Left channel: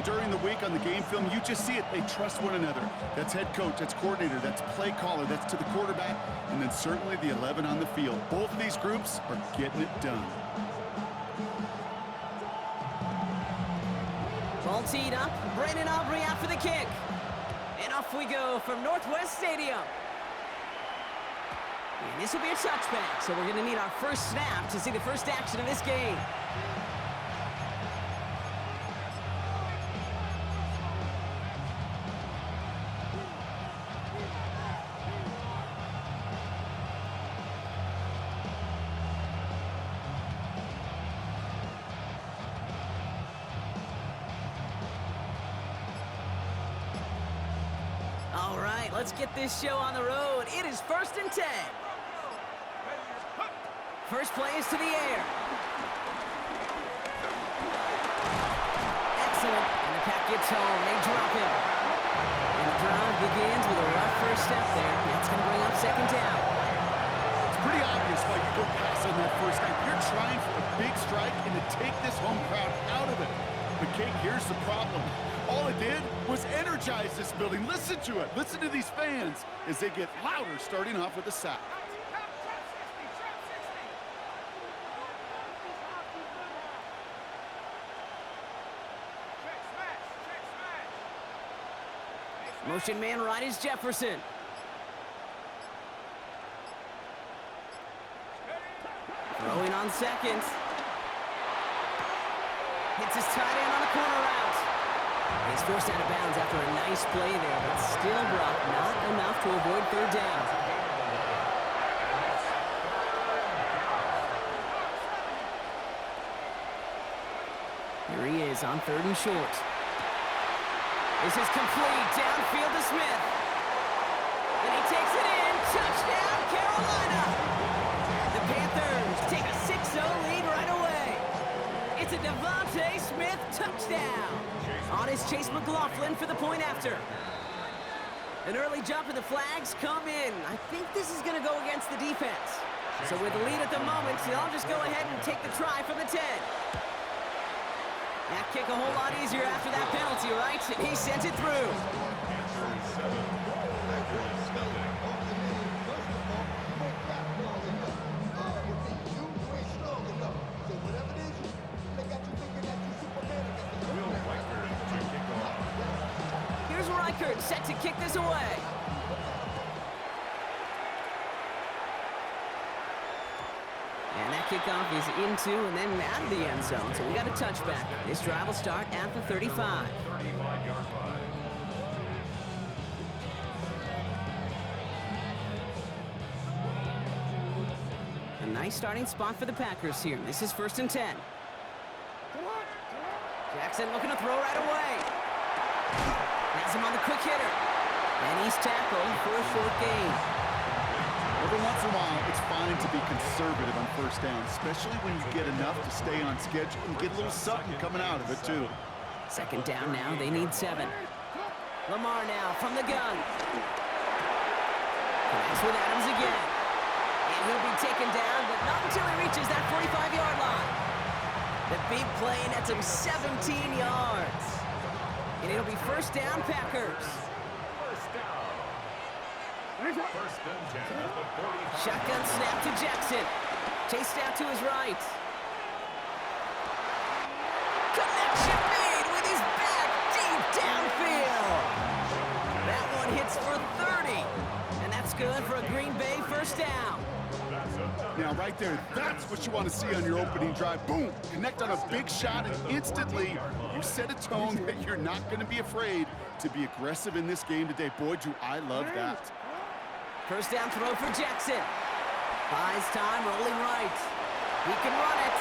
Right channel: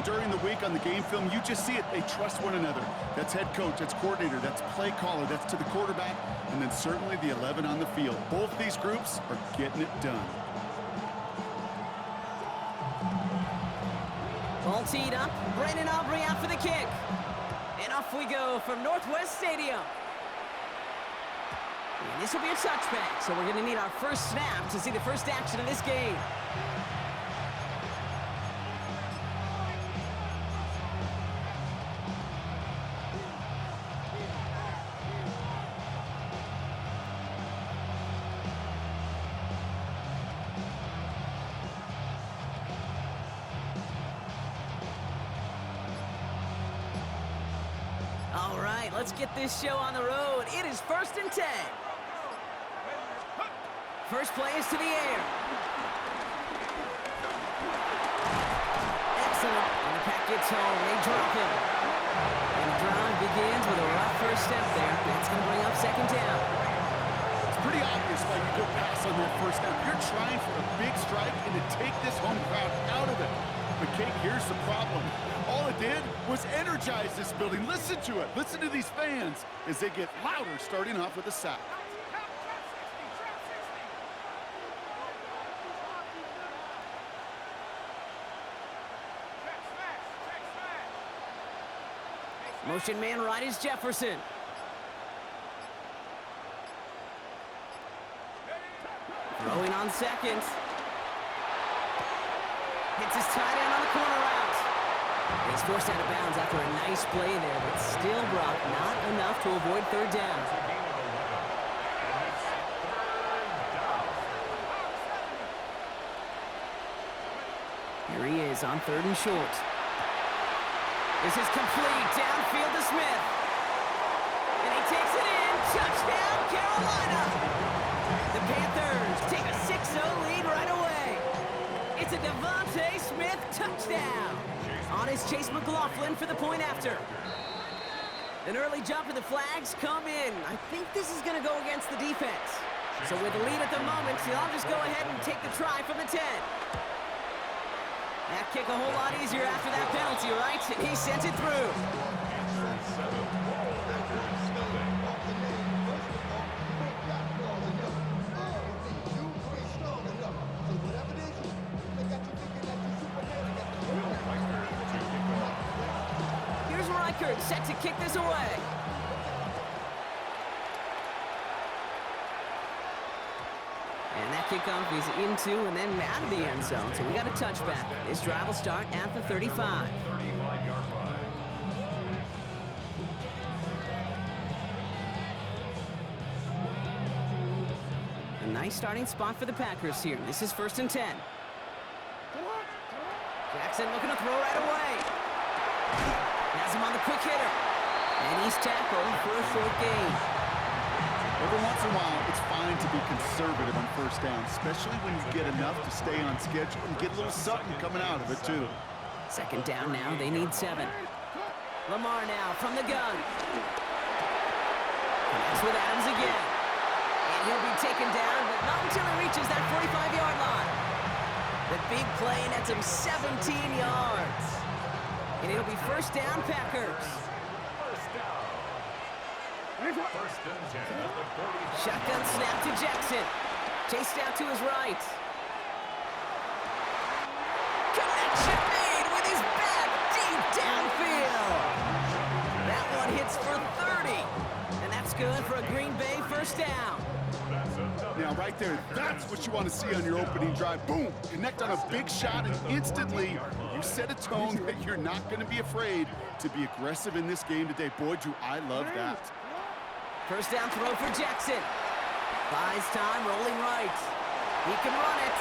even during the week on the game film, you just see it. They trust one another. That's head coach, that's coordinator, that's play caller, that's to the quarterback, and then certainly the 11 on the field. Both of these groups are getting it done. Ball teed up. Brandon Aubrey out for the kick. And off we go from Northwest Stadium. And this will be a touchback, so we're going to need our first snap to see the first action of this game. All right, let's get this show on the road. It is 1st and 10. First play is to the air. Excellent. And the pack gets home. They drop him. And the drive begins with a rough first step there. That's going to bring up 2nd down. It's pretty obvious why you go pass on that first down. You're trying for a big strike and to take this home crowd out of it. But, Kate, here's the problem. All it did was energize this building. Listen to it. Listen to these fans as they get louder starting off with a sack. Motion man right is Jefferson. Throwing on 2nd. Hits his tight end on the corner route. He's forced out of bounds after a nice play there, but still, Brock, not enough to avoid 3rd down. Here he is on 3rd and short. This is complete. Downfield to Smith. And he takes it in. Touchdown, Carolina! The Panthers take a 6-0 lead right away. It's a Devontae Smith touchdown. On is Chase McLaughlin for the point after. An early jump and the flags come in. I think this is going to go against the defense. So with the lead at the moment, I'll just go ahead and take the try from the 10. That kick a whole lot easier after that penalty, right? And he sends it through. Here's Reichert set to kick this away. And that kickoff is into and then out of the end zone. So we got a touchback. This drive will start at the 35. 35-yard line. A nice starting spot for the Packers here. This is 1st and 10. Jackson looking to throw right away. Has him on the quick hitter. And he's tackled for a short gain. Every once in a while, it's fine to be conservative on 1st down, especially when you get enough to stay on schedule and get a little something coming out of it, too. 2nd down now. They need 7. Lamar now from the gun. Connects with Adams again. And he'll be taken down, but not until he reaches that 45-yard line. The big play nets him 17 yards. And it'll be 1st down, Packers. First down. 1st and 10 at the 45. Shotgun snap to Jackson. Chased out to his right. Connection made with his back deep downfield. That one hits for 30. And that's good for a Green Bay 1st down. Now, right there, that's what you want to see on your opening drive. Boom! Connect on a big shot, and instantly you set a tone that you're not going to be afraid to be aggressive in this game today. Boy, do I love that. 1st down throw for Jackson. Buys time, rolling right. He can run it.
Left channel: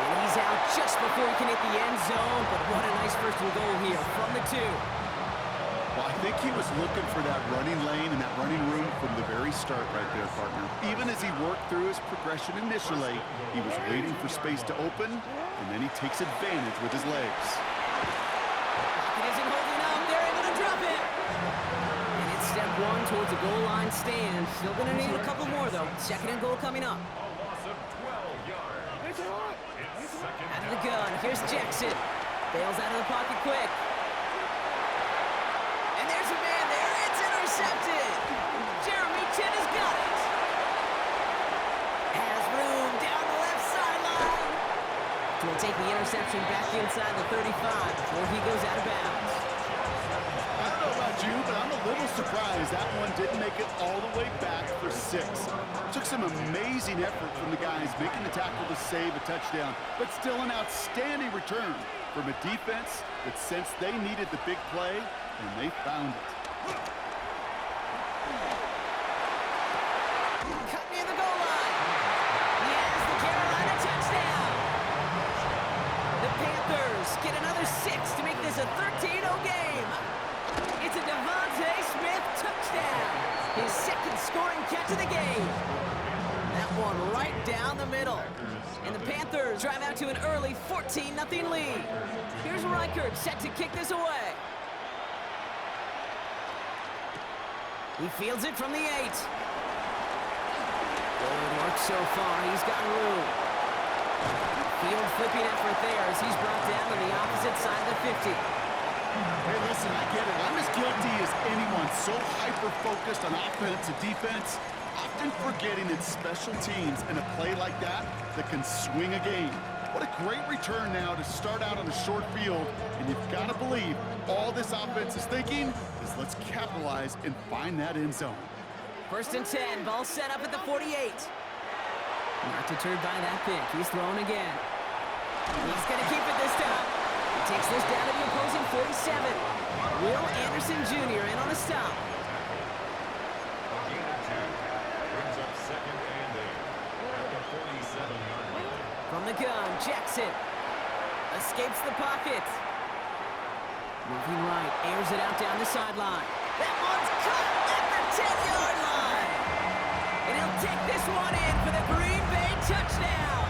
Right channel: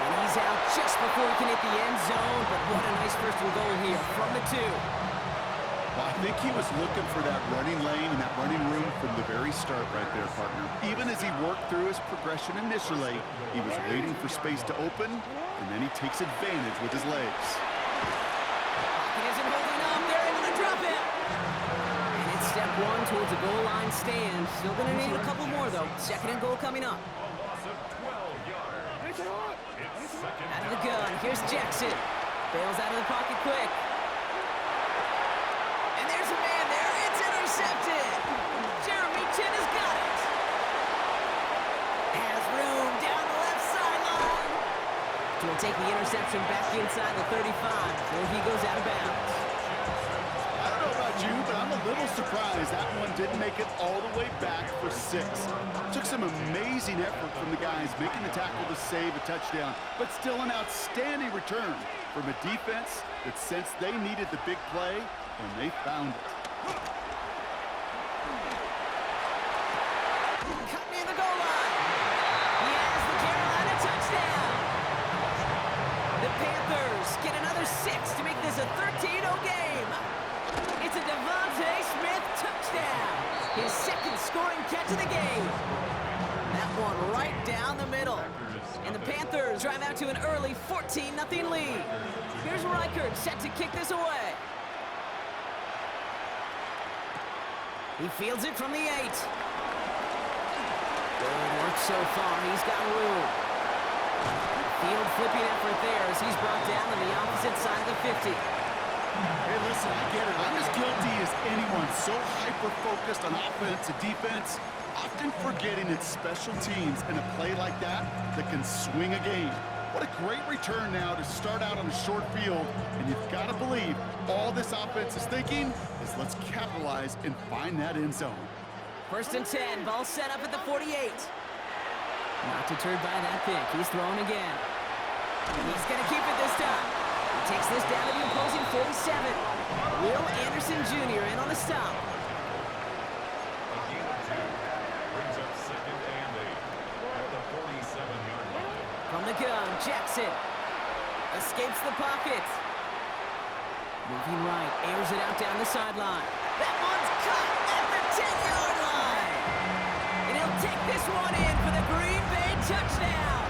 And he's out just before he can hit the end zone, but what a nice 1st and goal here from the 2. Well, I think he was looking for that running lane and that running room from the very start right there, partner. Even as he worked through his progression initially, he was waiting for space to open, and then he takes advantage with his legs. Pocket isn't holding up. They're able to drop it. And it's step 1 towards a goal line stand. Still going to need a couple more, though. 2nd and goal coming up. A loss of 12 yards. It's 2nd Out of the gun. Here's Jackson. Bails out of the pocket quick. And there's a man there. It's intercepted. Jeremy Chin has got it. Has room down the left sideline. Will take the interception back inside the 35 before he goes out of bounds. I don't know about you, but I'm a little surprised that one didn't make it all the way back for 6. Took some amazing effort from the guys making the tackle to save a touchdown, but still an outstanding return from a defense that sensed they needed the big play, and they found it. Cut near the goal line. He has the Carolina touchdown. The Panthers get another 6 to make this a 13-0 game. It's a Devontae Smith touchdown. His second scoring catch of the game. That one right down the middle. And the Panthers drive out to an early 14-0 lead. Here's Reichert set to kick this away. He fields it from the 8. Good work so far. He's got room. Field flipping effort there as he's brought down on the opposite side of the 50. Hey, listen, I get it. I'm as guilty as anyone. So hyper-focused on offense and defense, often forgetting it's special teams in a play like that that can swing a game. What a great return now to start out on a short field, and you've got to believe all this offense is thinking is let's capitalize and find that end zone. 1st and 10, ball set up at the 48. Not deterred by that pick. He's throwing again. He's going to keep it this time. He takes this down to the opposing 47. Will Anderson Jr. in on the stop. A gain of 2. Brings up 2nd and 8 at the 47-yard line. From the gun, Jackson escapes the pocket. Moving right, airs it out down the sideline. That one's cut at the 10-yard line. And he'll take this one in for the Green Bay touchdown.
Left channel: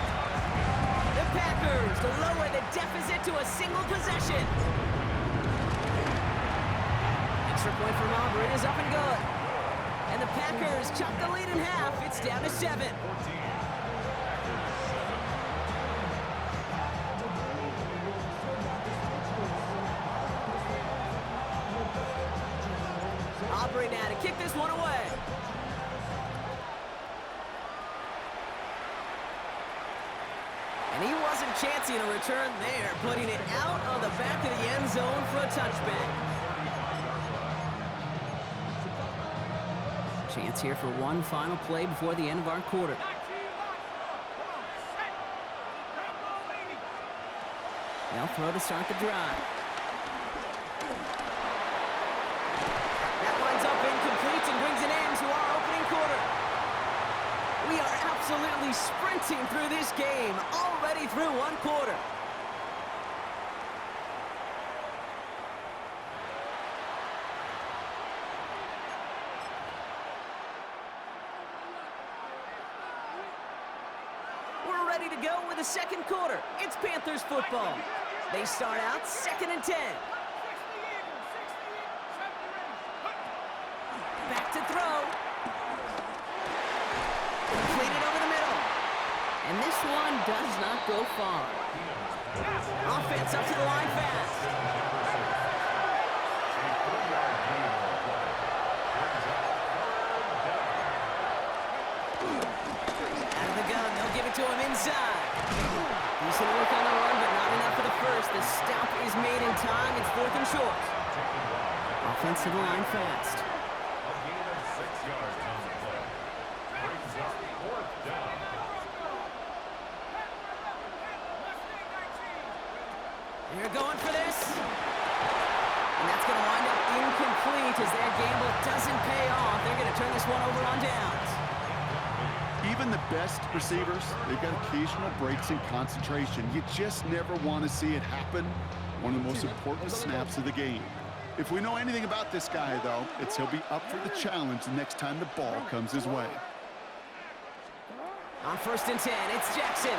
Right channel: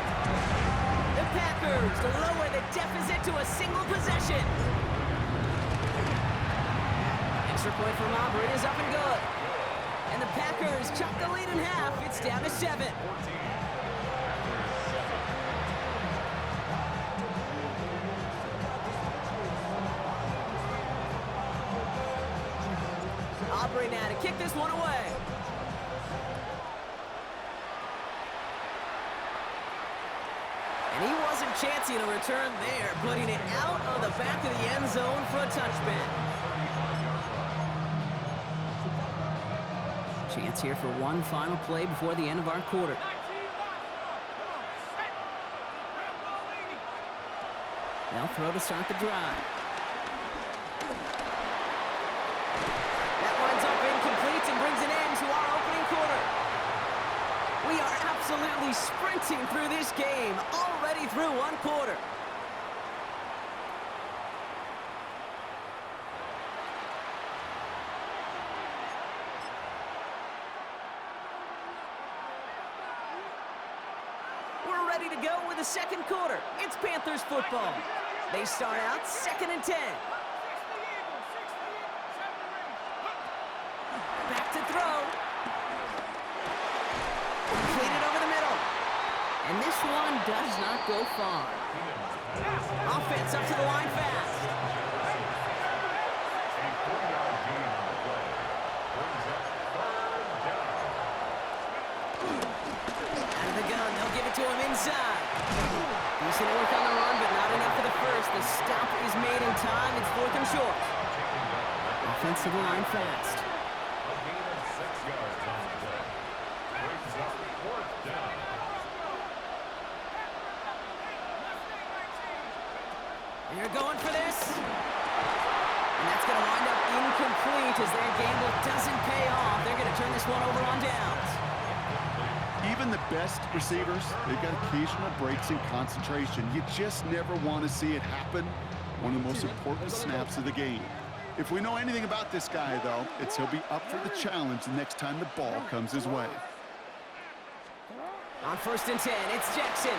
The Packers lower the deficit to a single possession. Extra point from Aubrey is up and good. And the Packers chop the lead in half. It's down to 7. 14. Packers 7. Aubrey now to kick this one away. And he wasn't chancing a return there, putting it out of the back of the end zone for a touchback. 35-yard line. Chance here for one final play before the end of our quarter. They'll throw to start the drive. That winds up incomplete and brings an end to our opening quarter. We are absolutely sprinting through this game, already through one quarter. We're ready to go with the second quarter. It's Panthers football. They start out 2nd and 10. Back to throw. Completed over the middle. And this one does not go far. Offense up to the line fast. A 3-yard gain on the play. Brings up 3rd down. Out of the gun, they'll give it to him inside. Decent work on the run, but not enough for the first. The stop is made in time. It's 4th and short. Taken down. Offense to the line fast. A gain of 6 yards on the play. Brings up 4th down. They're going for this. And that's going to wind up incomplete as their gamble doesn't pay off. They're going to turn this one over on downs. Even the best receivers, they've got occasional breaks in concentration. You just never want to see it happen. One of the most important snaps of the game. If we know anything about this guy, though, it's he'll be up for the challenge the next time the ball comes his way. On 1st and 10, it's Jackson.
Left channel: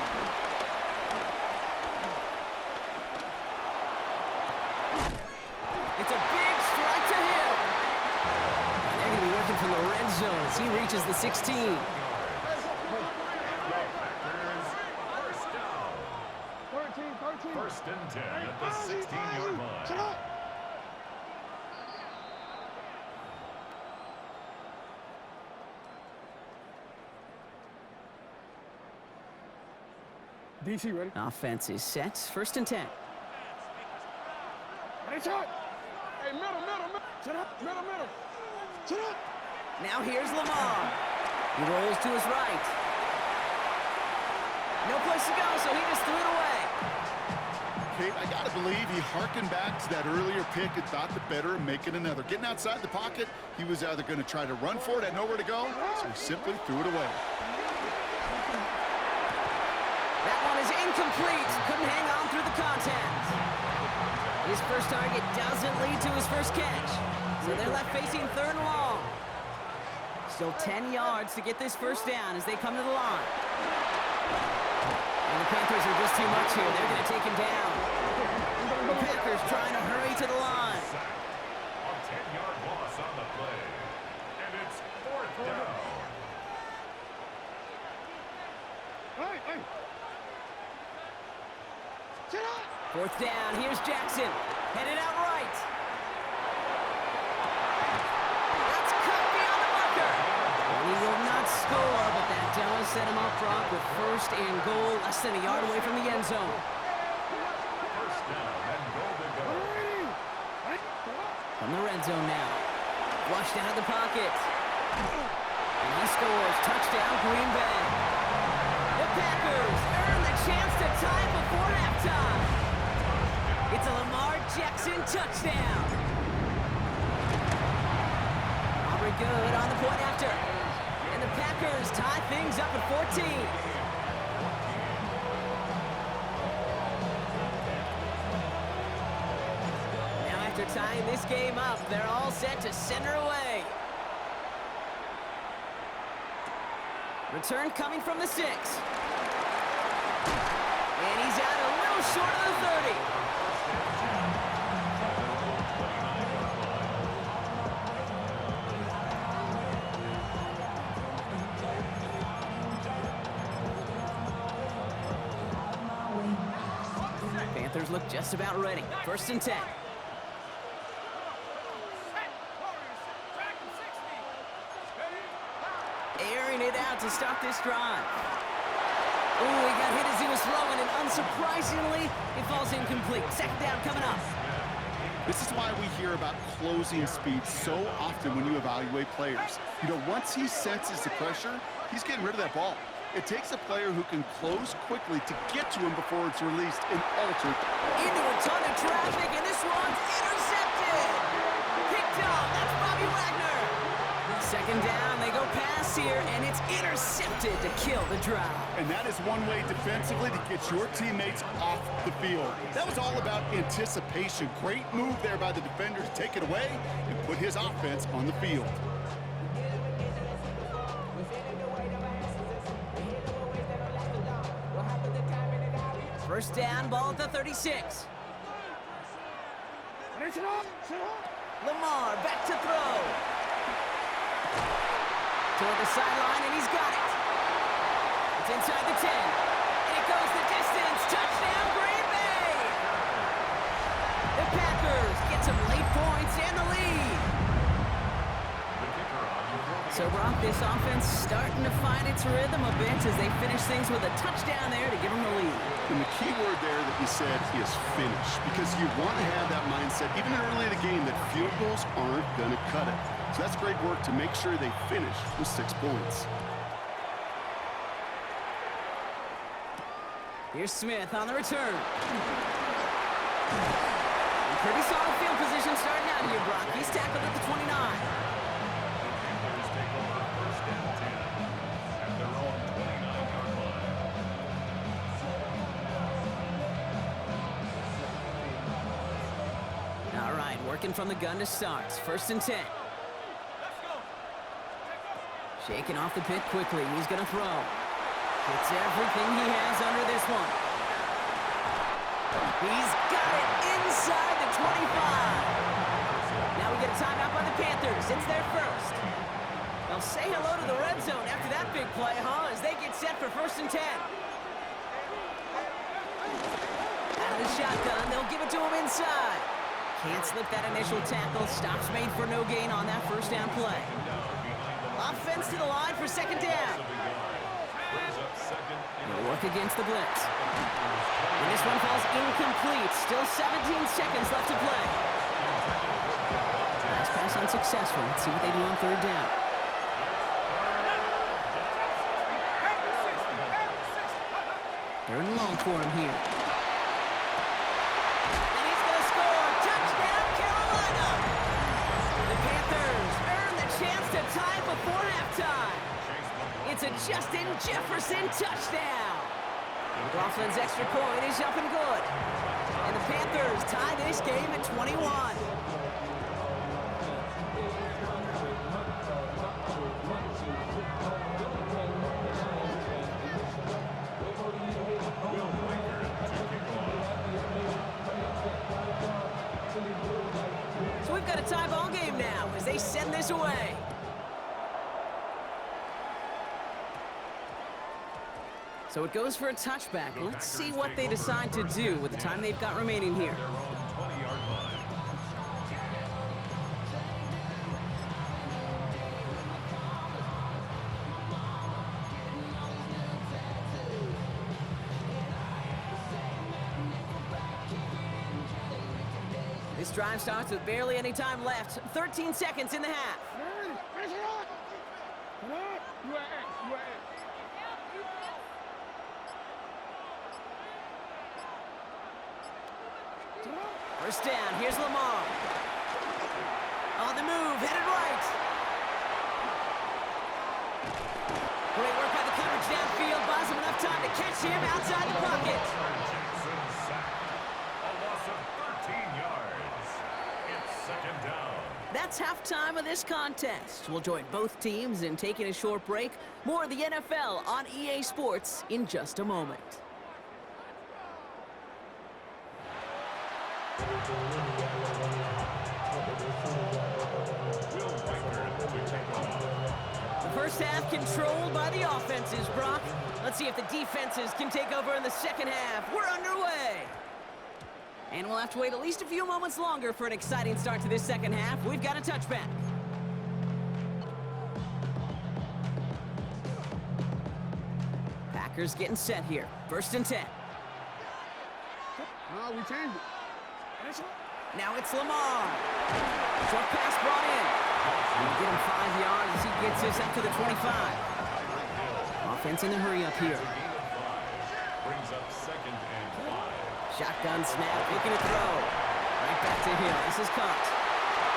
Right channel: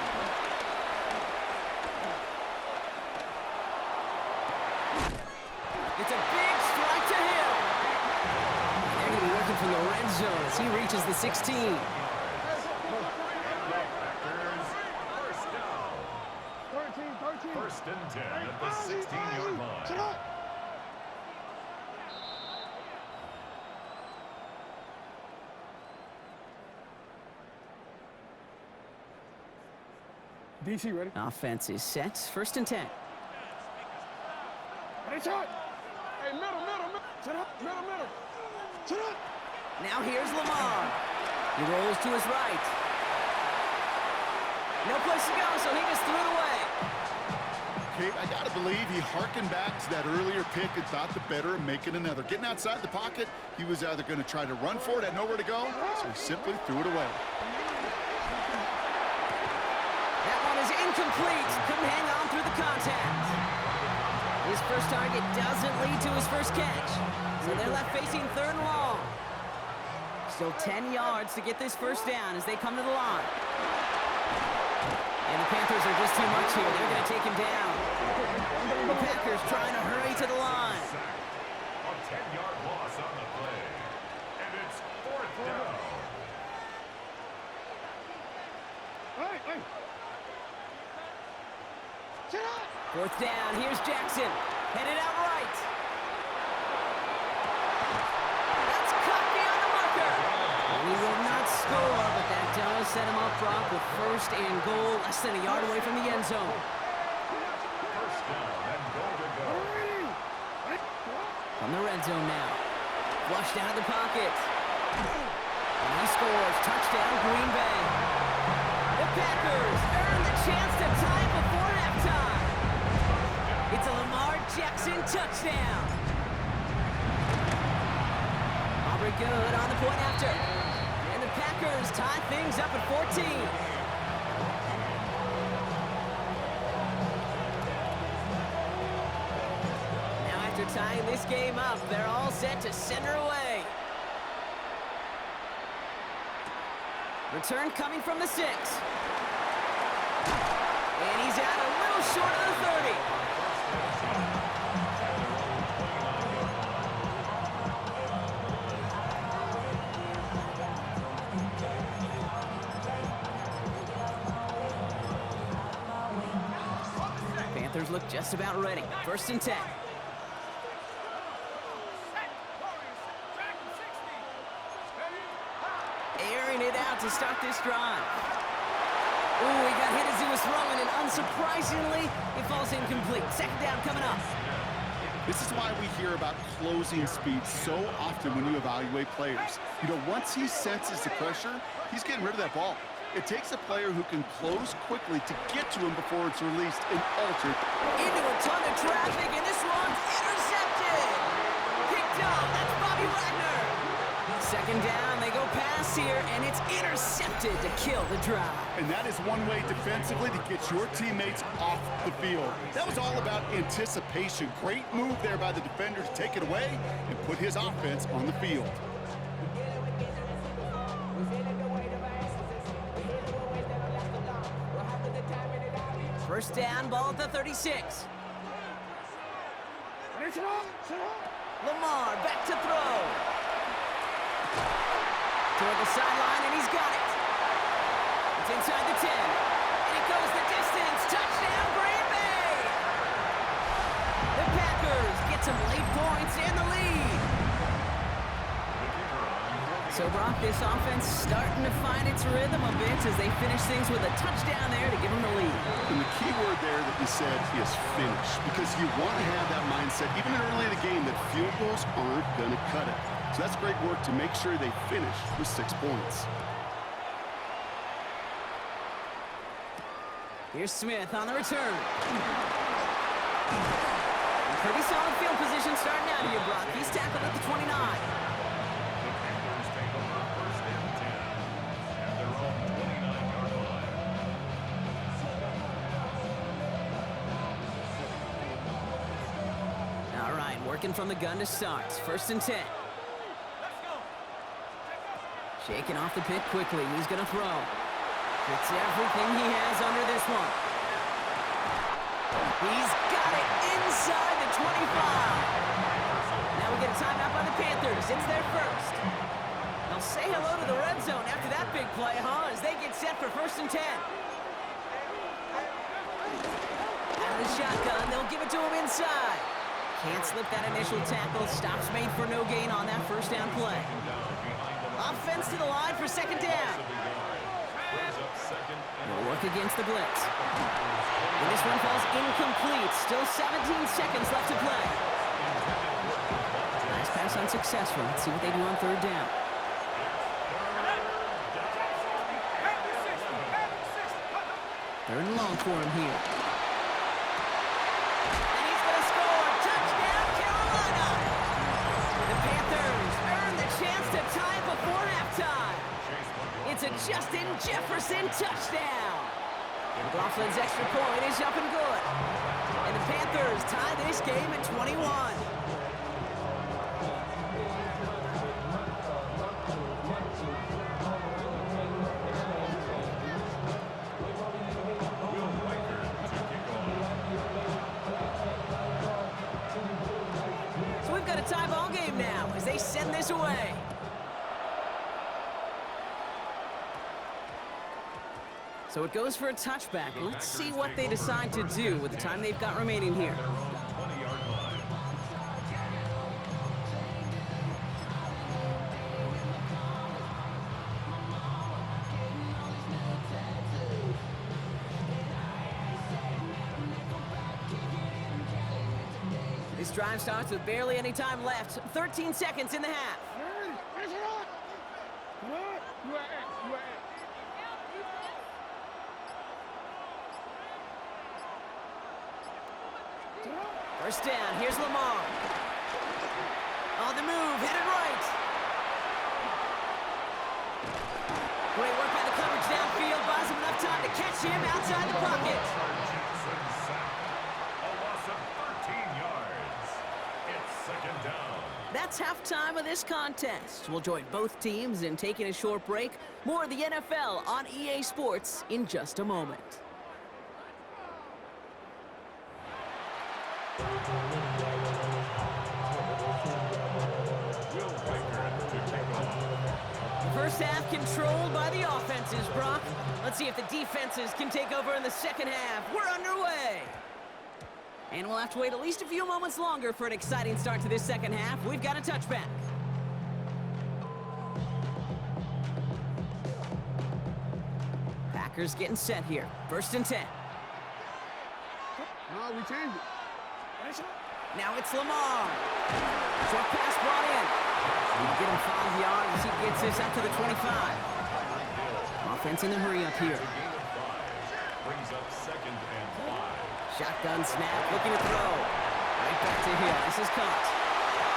It's a big strike to him. And they're going to be working from the red zone as he reaches the 16. Packers, 1st down. 13. First and 10 at the 16-yard line. DC ready? Offense is set. First and 10. Ready, shot. Hey, middle. Shut up, middle. Shut up. Now here's Lamar. He rolls to his right. No place to go, so he just threw it away. Kate, I gotta believe he harkened back to that earlier pick and thought the better of making another. Getting outside the pocket, he was either going to try to run for it, had nowhere to go, so he simply threw it away. That one is incomplete. Couldn't hang on through the contact. His first target doesn't lead to his first catch. So they're left facing third and long. Still 10 yards to get this first down as they come to the line. And the Panthers are just too much here. They're going to take him down. The Packers trying to hurry to the line. A 10-yard loss on the play. And it's fourth down. Hey. Shut up. Fourth down. Here's Jackson. Headed out right. That's cut beyond the marker. And he will not score, but that does set him up, Brock, with first and goal, less than a yard away from the end zone. First down and goal to go. From the red zone now. Flushed out of the pocket. And he scores. Touchdown, Green Bay. The Packers earn the chance to tie it before halftime. It's a Lamar Jackson touchdown. Aubrey good on the point after. And the Packers tie things up at 14. Now after tying this game up, they're all set to send her away. Return coming from the 6. And he's out a little short of the 30. Panthers look just about ready. First and 10. Airing it out to start this drive. Ooh, he got hit as he was throwing, and unsurprisingly, it falls incomplete. Second down coming up. This is why we hear about closing speed so often when you evaluate players. You know, once he senses the pressure, he's getting rid of that ball. It takes a player who can close quickly to get to him before it's released and altered. Into a ton of traffic, and this one's intercepted. Picked up. That's Bobby Wagner. Second down, they go pass here, and it's intercepted to kill the drive. And that is one way defensively to get your teammates off the field. That was all about anticipation. Great move there by the defender to take it away and put his offense on the field. First down, ball at the 36. Lamar back to throw. Toward the sideline, and he's got it. It's inside the 10. And it goes the distance. Touchdown, Green Bay! The Packers get some late points and the lead. So, Brock, this offense starting to find its rhythm a bit as they finish things with a touchdown there to give them the lead. And the key word there that you said is finish, because you want to have that mindset, even early in the game, that field goals aren't going to cut it. So that's great work to make sure they finish with 6 points. Here's Smith on the return. Pretty solid field position starting out here, Brock. He's tackled at the 29. The Panthers take over first and 10 at their own 29-yard line. All right, working from the gun to start. First and 10. Shaking off the pit quickly. He's going to throw. Gets everything he has under this one. He's got it inside the 25. Now we get a timeout by the Panthers. It's their first. They'll say hello to the red zone after that big play, huh? As they get set for first and 10. Out of out his shotgun. They'll give it to him inside. Can't slip that initial tackle. Stops made for no gain on that first down play. Offense to the line for second down. They'll work against the blitz. And this one falls incomplete. Still 17 seconds left to play. Last pass unsuccessful. Let's see what they do on third down. Third and long for him here. And he's going to score. Touchdown, Carolina! The Panthers earn the chance to tie before halftime. It's a Justin Jefferson touchdown. McLaughlin's extra point is up and good. And the Panthers tie this game at 21. So we've got a tie ball game now as they send this away. So it goes for a touchback. Let's see what they decide to do with the time they've got remaining here. Their own 20-yard line. This drive starts with barely any time left. 13 seconds in the half. First down, here's Lamar. On the move, headed right. Great work by the coverage downfield. Buys him enough time to catch him outside the pocket. Jackson sacked. A loss of 13 yards. It's second down. That's halftime of this contest. We'll join both teams in taking a short break. More of the NFL on EA Sports in just a moment. Will Riker to kick off. The first half controlled by the offenses, Brock. Let's see if the defenses can take over in the second half. We're underway. And we'll have to wait at least a few moments longer for an exciting start to this second half. We've got a touchback. Packers getting set here. First and 10. No, we changed it. Now it's Lamar. Short pass brought in. We'll get him 5 yards as he gets this up to the 25. Offense in the hurry up here. Brings up second and 5. Shotgun snap, looking to throw. Right back to Hill. This is caught.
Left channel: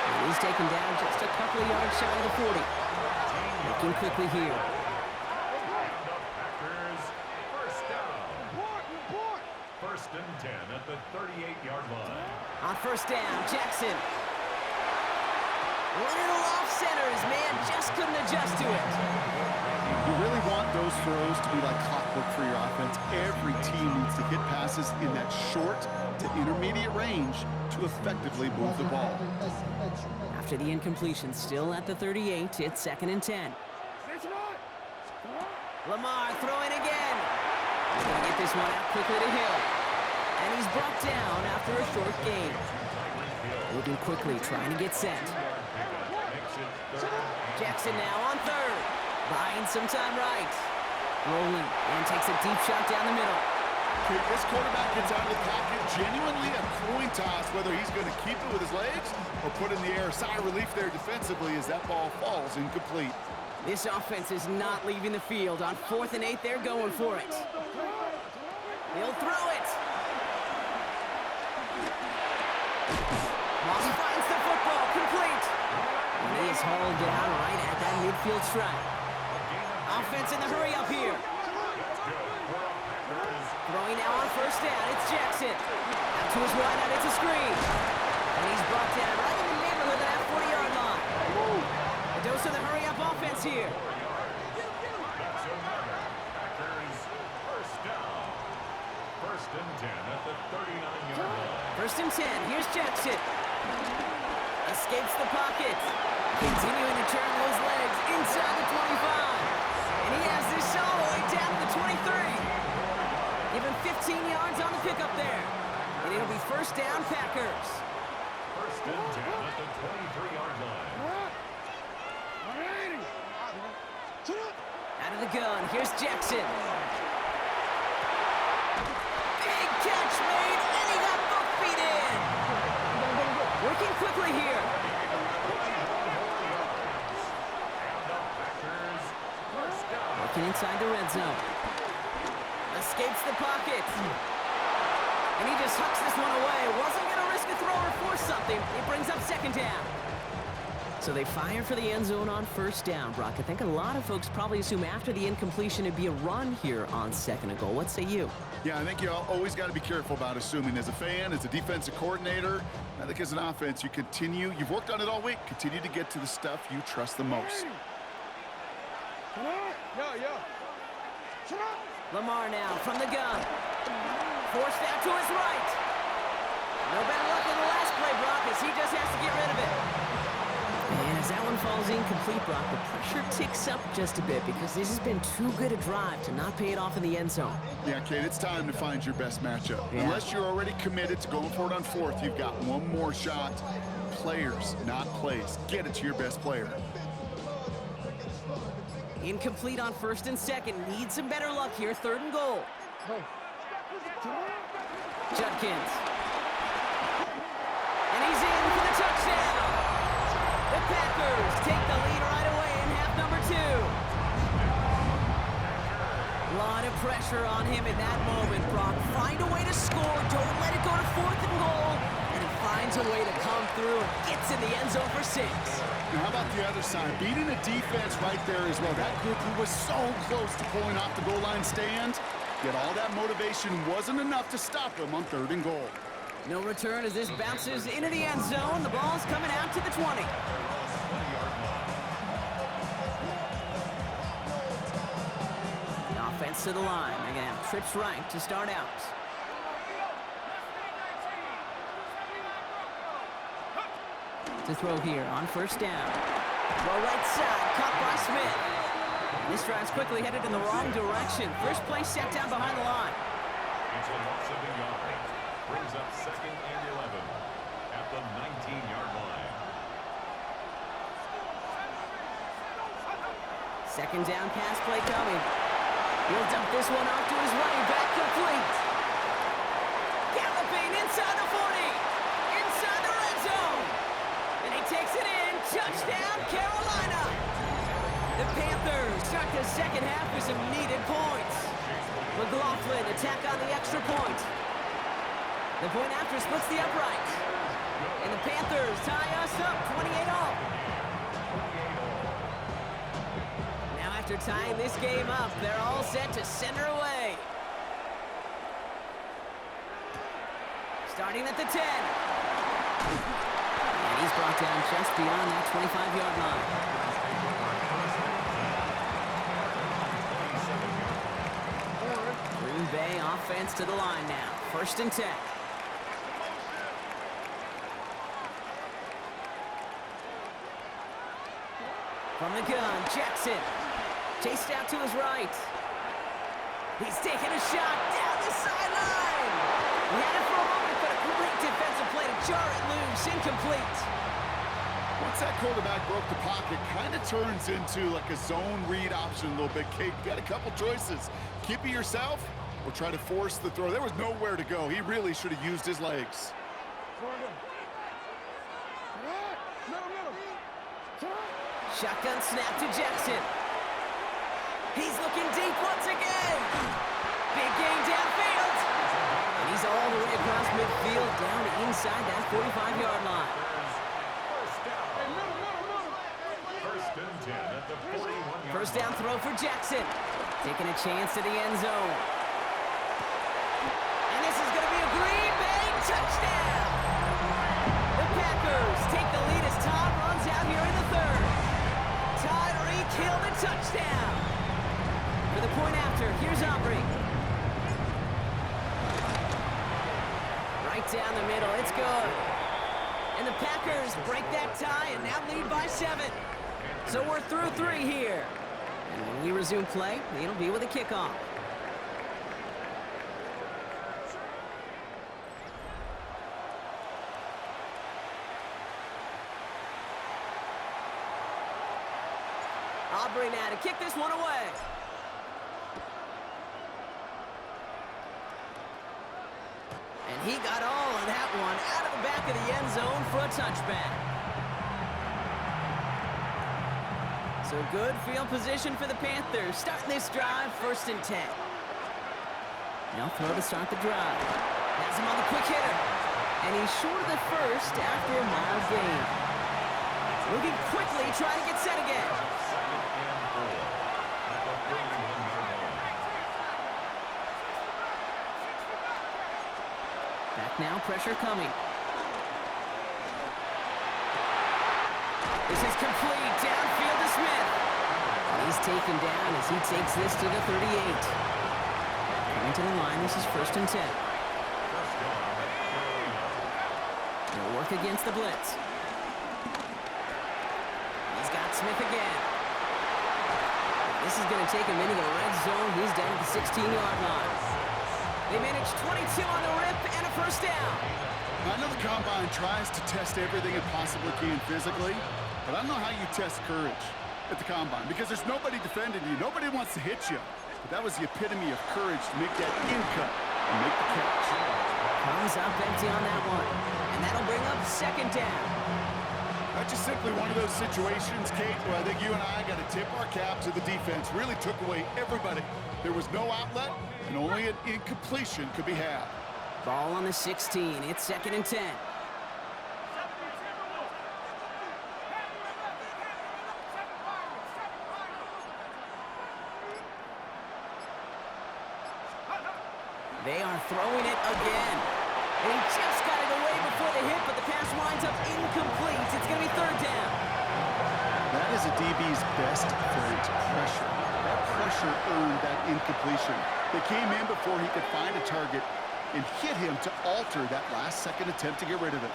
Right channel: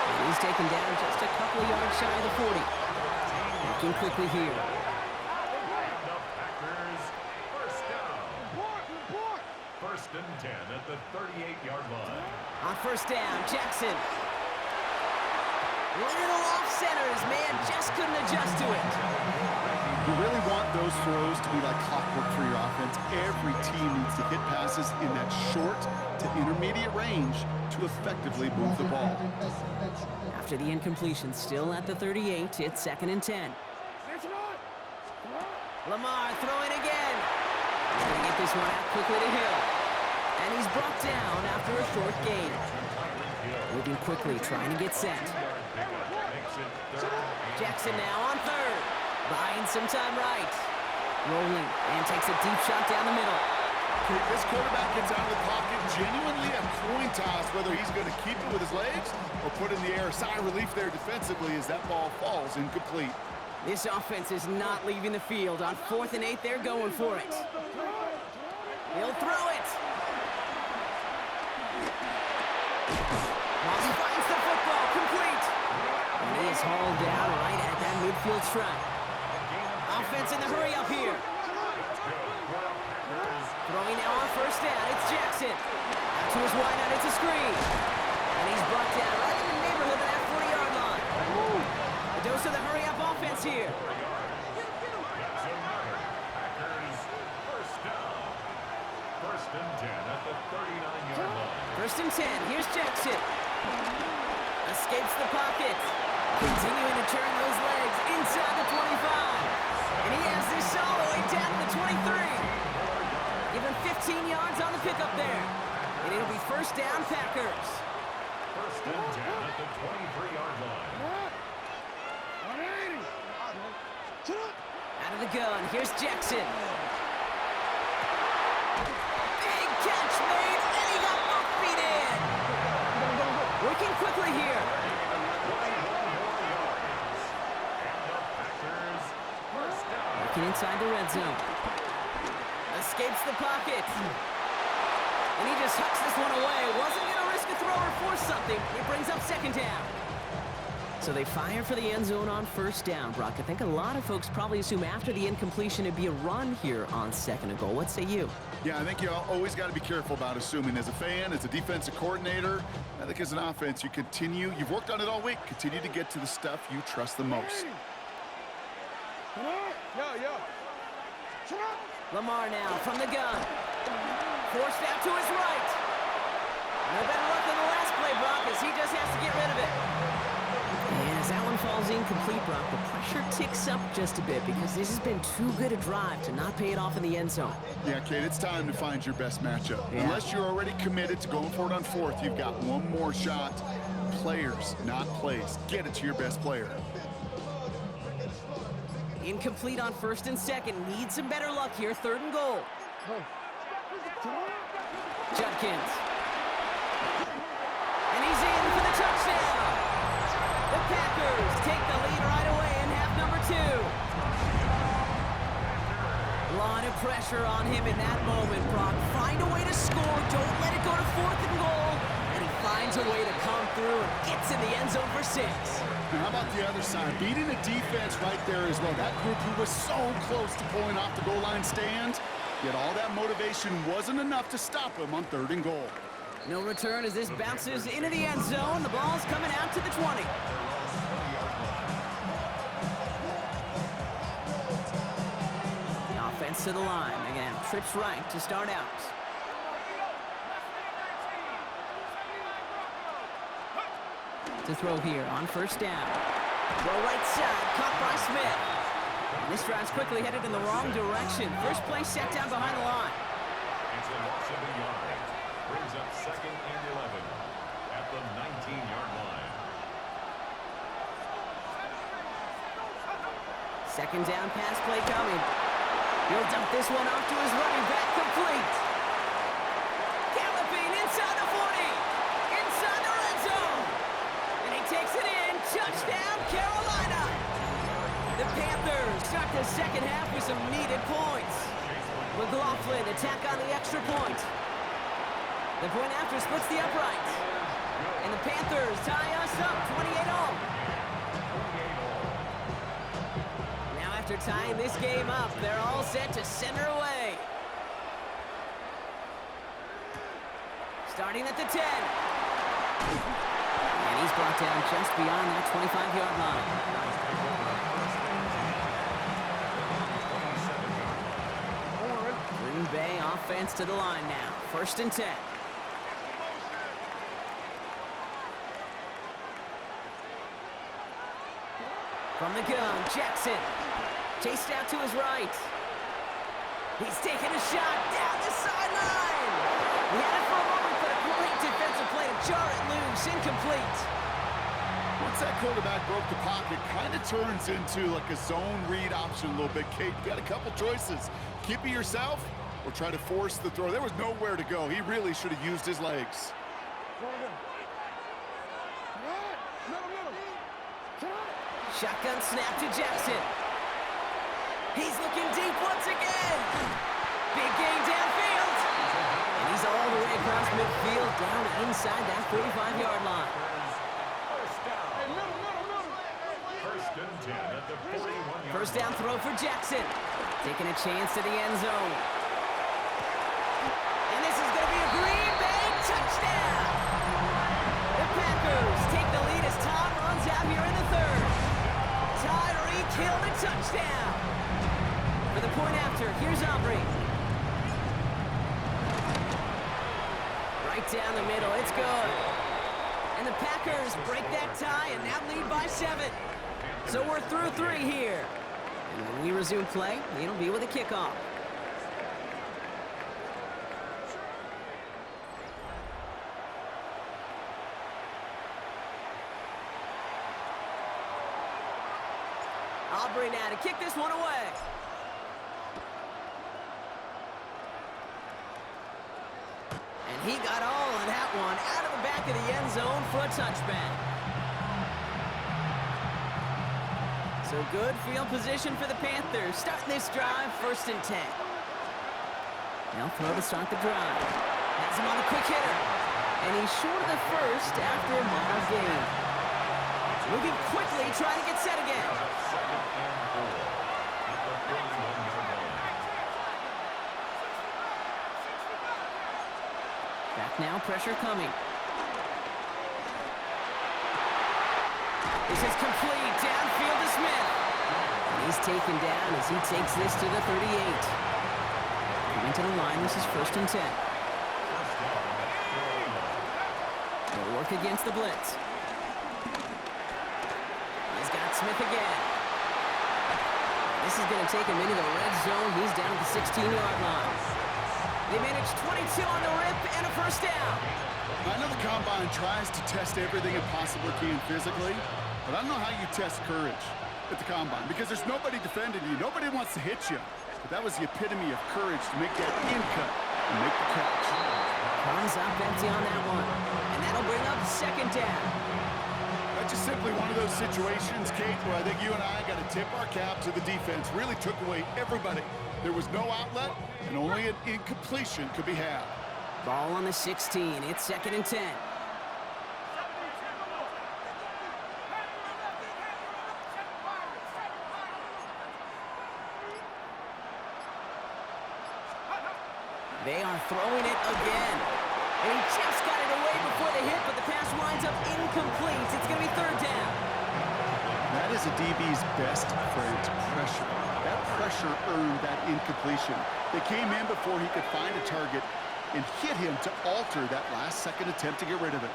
And he's taken down just a couple of yards shy of the 40. Looking quickly here. And the Packers first down. Report. First and 10 at the 38-yard line. On first down, Jackson. Little off center. His man just couldn't adjust to it. You really want those throws to be like clockwork for your offense. Every team needs to hit passes in that short to intermediate range to effectively move the ball. After the incompletion, still at the 38, it's second and 10. Lamar throwing again. He's going to get this one out quickly to Hill. And he's brought down after a short gain. Moving quickly, trying to get set. Jackson now on third. Buying some time right. Rolling and takes a deep shot down the middle. Okay, this quarterback gets out of the pocket, genuinely a coin toss whether he's going to keep it with his legs or put in the air. Sigh of relief there defensively as that ball falls incomplete. This offense is not leaving the field. On 4th and 8, they're going for it. He'll throw it. Moss finds the football, complete. And he is hauled down right at that midfield stripe. Offense in the hurry up here. Throwing now on first down, it's Jackson. Out to his wideout, it's a screen. And he's brought down right in the neighborhood of that 40-yard line. A dose of the hurry-up offense here. That's another Packers first down. First and 10 at the 39-yard line. First and 10, here's Jackson. Escapes the pocket. Continuing to turn those legs inside the 25. And he has this all the way down to the 23. Give him 15 yards on the pickup there. And it'll be first down, Packers. First and 10 at the 23-yard line. 180. Out of the gun, here's Jackson. Big catch made, and he got both feet in. Working quickly here. 21 more yards. And the Packers first down. Working inside the red zone. Escapes the pocket. And he just hucks this one away. Wasn't going to risk a throw or force something. It brings up second down. So they fire for the end zone on first down, Brock. I think a lot of folks probably assume after the incompletion it'd be a run here on second and goal. What say you? Yeah, I think you always got to be careful about assuming. As a fan, as a defensive coordinator, I think as an offense, you've worked on it all week. Continue to get to the stuff you trust the most. Yeah. Lamar now from the gun. Forced out to his right. No better luck than the last play, Brock, as he just has to get rid of it. And as that one falls incomplete, Brock, the pressure ticks up just a bit because this has been too good a drive to not pay it off in the end zone. Yeah, Kate, it's time to find your best matchup. Yeah. Unless you're already committed to going for it on fourth, you've got one more shot. Players, not plays. Get it to your best player. Incomplete on first and second. Need some better luck here. Third and goal. Judkins. And he's in for the touchdown. The Packers take the lead right away in half number 2. A lot of pressure on him in that moment, Brock. Find a way to score. Don't let it go to fourth and goal. And he finds a way to come through and gets in the end zone for 6. Now, how about the other side? Beating the defense right there as well. That group who was so close to pulling off the goal line stand, yet all that motivation wasn't enough to stop him on third and goal. No return as this bounces into the end zone. The ball's coming out to the 20. The offense to the line. They're going to have trips right to start out. To throw here on first down. Throw right side, caught by Smith. And this drive's quickly headed in the wrong direction. First play set down behind the line. It's a loss of a yard. Brings up second and 11 at the 19-yard line. Second down pass play coming. He'll dump this one off to his running back, complete. Galloping inside the 40. Inside the red zone. And he takes it in. Touchdown, Carolina. The Panthers start the second half with some needed points. McLaughlin attack on the extra point. The point after splits the uprights. And the Panthers tie us up 28-all. Now after tying this game up, they're all set to send her away. Starting at the 10. And he's brought down just beyond that 25-yard line. Green Bay offense to the line now. First and 10. From the gun, Jackson. Chased out to his right. He's taking a shot down the sideline. He had it for a moment, but a great defensive play to jar it loose. Incomplete. Once that quarterback broke the pocket, kind of turns into like a zone read option a little bit, Kate. You got a couple choices. Keep it yourself or try to force the throw. There was nowhere to go. He really should have used his legs. Shotgun snap to Jackson. He's looking deep once again. Big gain downfield. And he's all the way across midfield down inside that 45-yard line. First and 10 at the 41-yard line. First down throw for Jackson. Taking a chance to the end zone. And this is going to be a Green Bay touchdown. The Packers take the lead as Tom runs out here in the third. Tyreek Hill the touchdown. For the point after, here's Aubrey. Right down the middle, it's good. And the Packers break that tie and now lead by 7. So we're through 3 here. And when we resume play, it'll be with a kickoff. Aubrey now to kick this one away. And he got all of that one out of the back of the end zone for a touchback. So good field position for the Panthers. Starting this drive, 1st and 10. They'll throw to start the drive. Has him on the quick hitter. And he's short of the first after a mild gain. Moving quickly, trying to get set again. 2nd and 4 at the 31-yard line. Back now, pressure coming. This is complete, downfield to Smith. And he's taken down as he takes this to the 38. Coming to the line, this is 1st and 10. First down at Carolina. They'll work against the blitz. He's got Smith again. This is going to take him into the red zone. He's down at the 16-yard line. They managed 22 on the rip and a 1st down. I know the Combine tries to test everything it possibly can physically, but I don't know how you test courage at the Combine because there's nobody defending you. Nobody wants to hit you. But that was the epitome of courage to make that in cut and make the catch. Comes up empty on that one. And that'll bring up 2nd down. That's just simply one of those situations, Kate, where I think you and I got to tip our cap to the defense. Really took away everybody. There was no outlet, and only an incompletion could be had. Ball on the 16. It's 2nd and 10. They are throwing it again. And he just got it away before the hit, but the pass winds up incomplete. It's going to be 3rd down. That is a DB's best friend, pressure. That pressure earned that incompletion. They came in before he could find a target and hit him to alter that last-second attempt to get rid of it.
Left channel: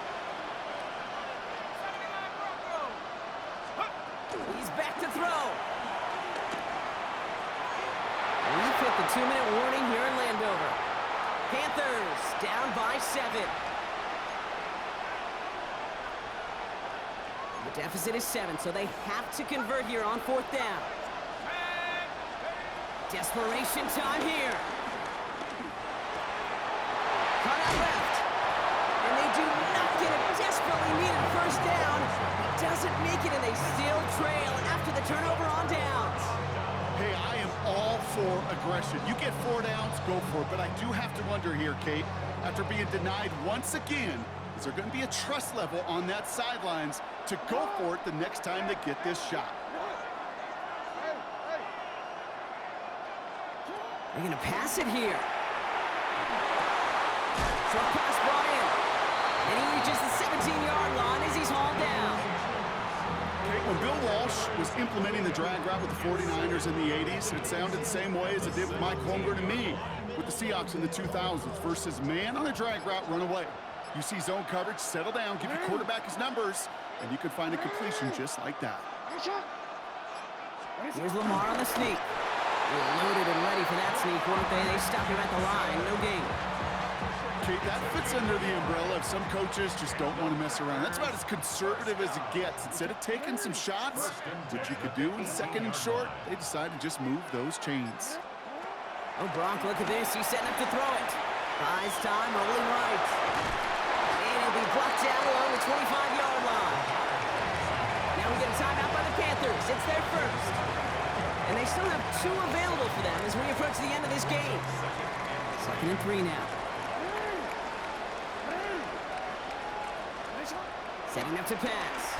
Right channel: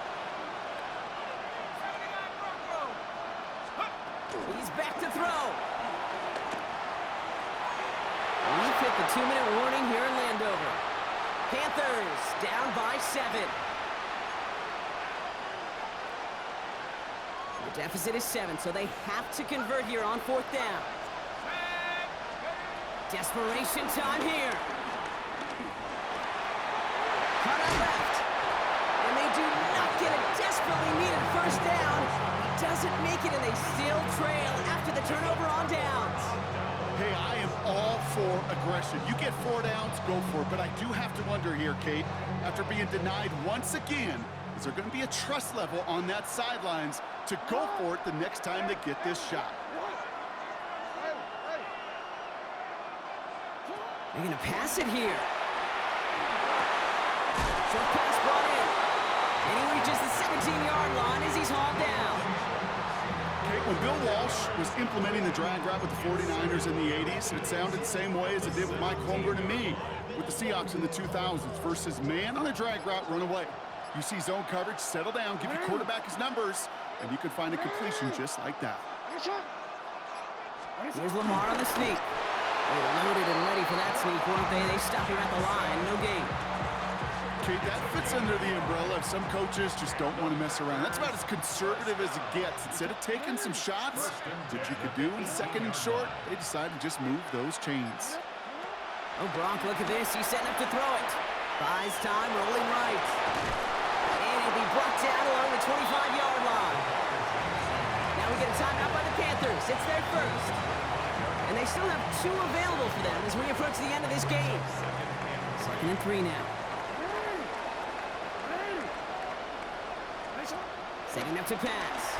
He's back to throw. We've hit the 2-minute warning here in Landover. Panthers down by 7. The deficit is 7, so they have to convert here on 4th down. Desperation time here. Cut out left. And they do not get a desperately needed 1st down. He doesn't make it, and they still trail after the turnover on downs. Hey, I am all for aggression. You get 4 downs, go for it. But I do have to wonder here, Kate, after being denied once again, is there going to be a trust level on that sidelines to go for it the next time they get this shot? They're going to pass it here. Short pass brought in. And he reaches the 17-yard line as he's hauled down. Kate, when Bill Walsh was implementing the drag route with the 49ers in the 80s, it sounded the same way as it did with Mike Holmgren and me with the Seahawks in the 2000s versus man on a drag route, run away. You see zone coverage, settle down, give your quarterback his numbers, and you can find a completion just like that. Here's Lamar on the sneak. They were loaded and ready for that sneak, weren't they? They stopped him at the line, no gain. Kate, that fits under the umbrella of some coaches just don't want to mess around. That's about as conservative as it gets. Instead of taking some shots, which you could do in 2nd and short, they decided to just move those chains. Oh, Gronk, look at this. He's setting up to throw it. Buys time, rolling right. And he'll be brought down along the 25-yard line. Now we get a timeout by the Panthers. It's their 1st. And they still have 2 available for them as we approach the end of this game. 2nd and 3 now. Setting up to pass.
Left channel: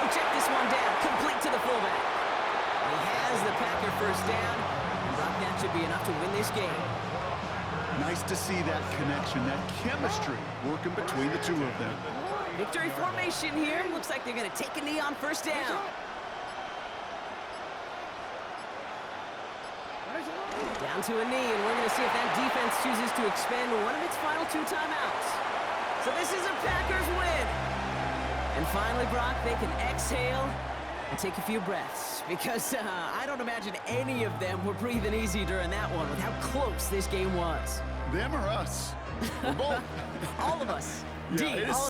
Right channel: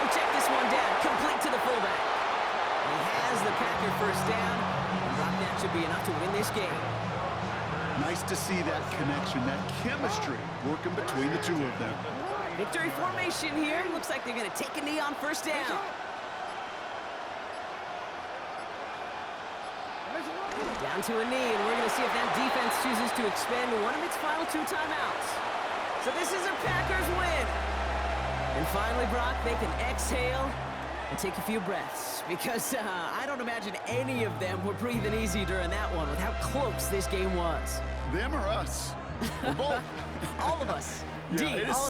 We'll check this one down, complete to the fullback. And he has the Packer 1st down, and Brock, that should be enough to win this game. Nice to see that connection, that chemistry working between the 2 of them. Victory formation here. Looks like they're going to take a knee on 1st down. Down to a knee, and we're going to see if that defense chooses to expend one of its final 2 timeouts. So this is a Packers win. And finally, Brock, they can exhale and take a few breaths because I don't imagine any of them were breathing easy during that one with how close this game was. Them or us? We're both. All of us. Yeah, D, it is all